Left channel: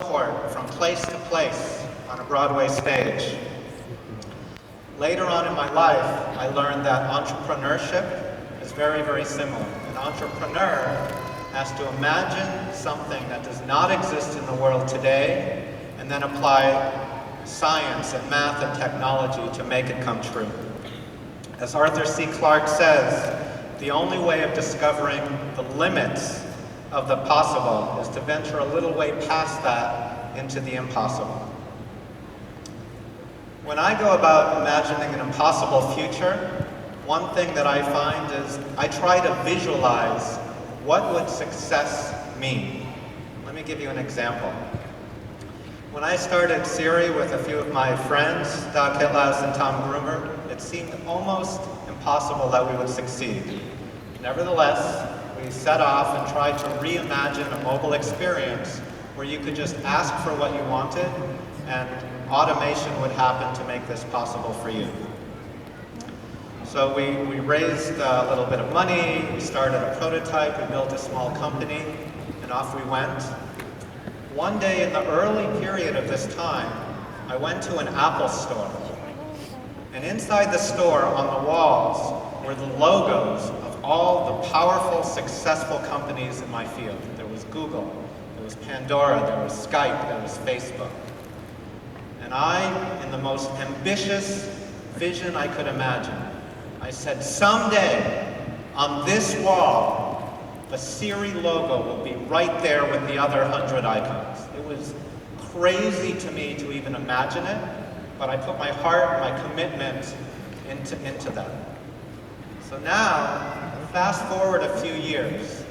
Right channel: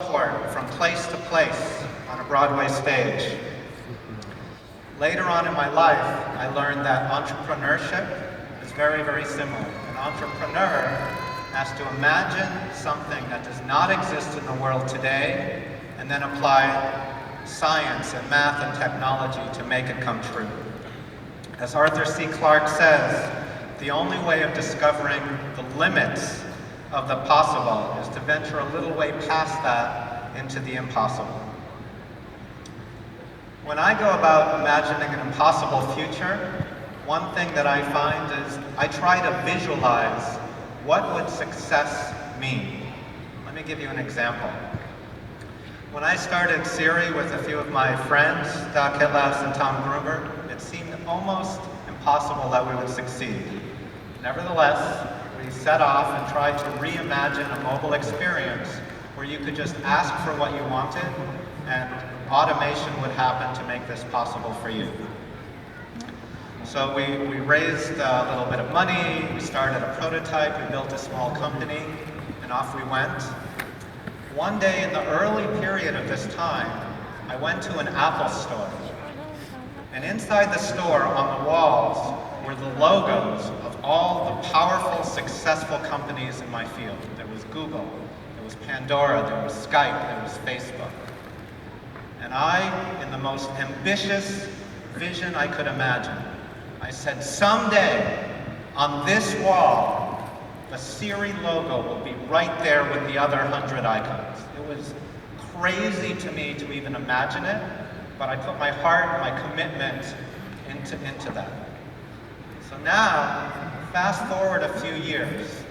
from place to place on a Broadway stage. Later on in my life, I learned that entrepreneurship is very, very similar. An entrepreneur has to imagine something that does not exist in the world today and then apply science and math and technology to make it come true. As Arthur C. Clarke says, the only way of discovering the limits of the possible is to venture a little way past that into the impossible. When I go about imagining an impossible future, one thing that I find is I try to visualize what would success mean. Let me give you an example. When I started Siri with a few of my friends, Doc Hitlaus and Tom Groomer, it seemed almost impossible that we would succeed. Nevertheless, we set off and tried to reimagine a mobile experience where you could just ask for what you wanted and automation would happen to make this possible for you. So we raised a little bit of money, we started a prototype, we built a small company, and off we went. One day in the early period of this time, I went to an Apple store. And inside the store on the walls were the logos of all the powerful, successful companies in my field. There was Google, there was Pandora, there was Skype, there was Facebook. And I, in the most ambitious vision I could imagine, I said, someday on this wall, the Siri logo will be right there with the other 100 icons. It was crazy to me to even imagine it, but I put my heart, my commitment into that. So now, fast forward a few years,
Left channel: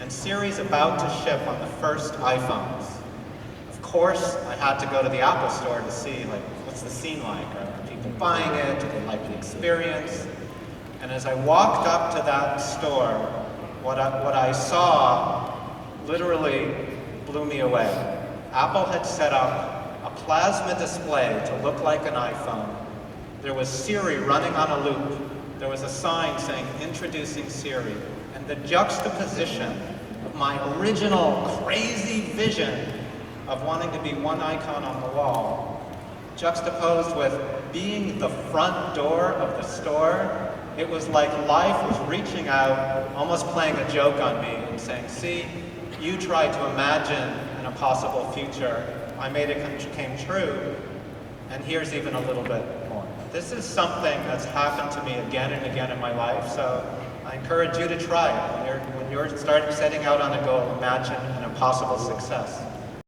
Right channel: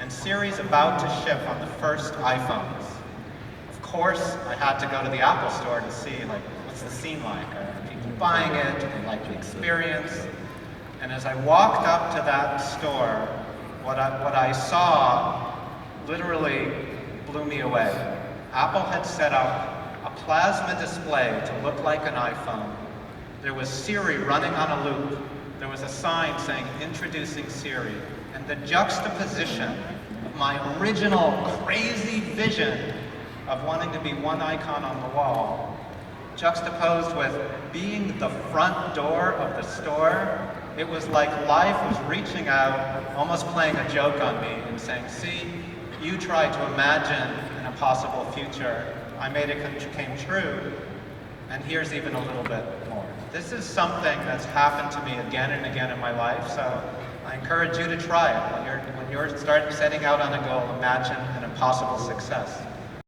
and Siri's about to ship on the first iPhones. Of course, I had to go to the Apple store to see, what's the scene like? Are people buying it? Do they like the experience? And as I walked up to that store, what I saw literally blew me away. Apple had set up a plasma display to look like an iPhone. There was Siri running on a loop. There was a sign saying, introducing Siri. And the juxtaposition of my original crazy vision of wanting to be one icon on the wall, juxtaposed with being the front door of the store, it was like life was reaching out, almost playing a joke on me and saying, see, you tried to imagine an impossible future. I made it came true, and here's even a little bit more. This is something that's happened to me again and again in my life, so I encourage you to try it. When you're setting out on a goal, imagine an impossible success.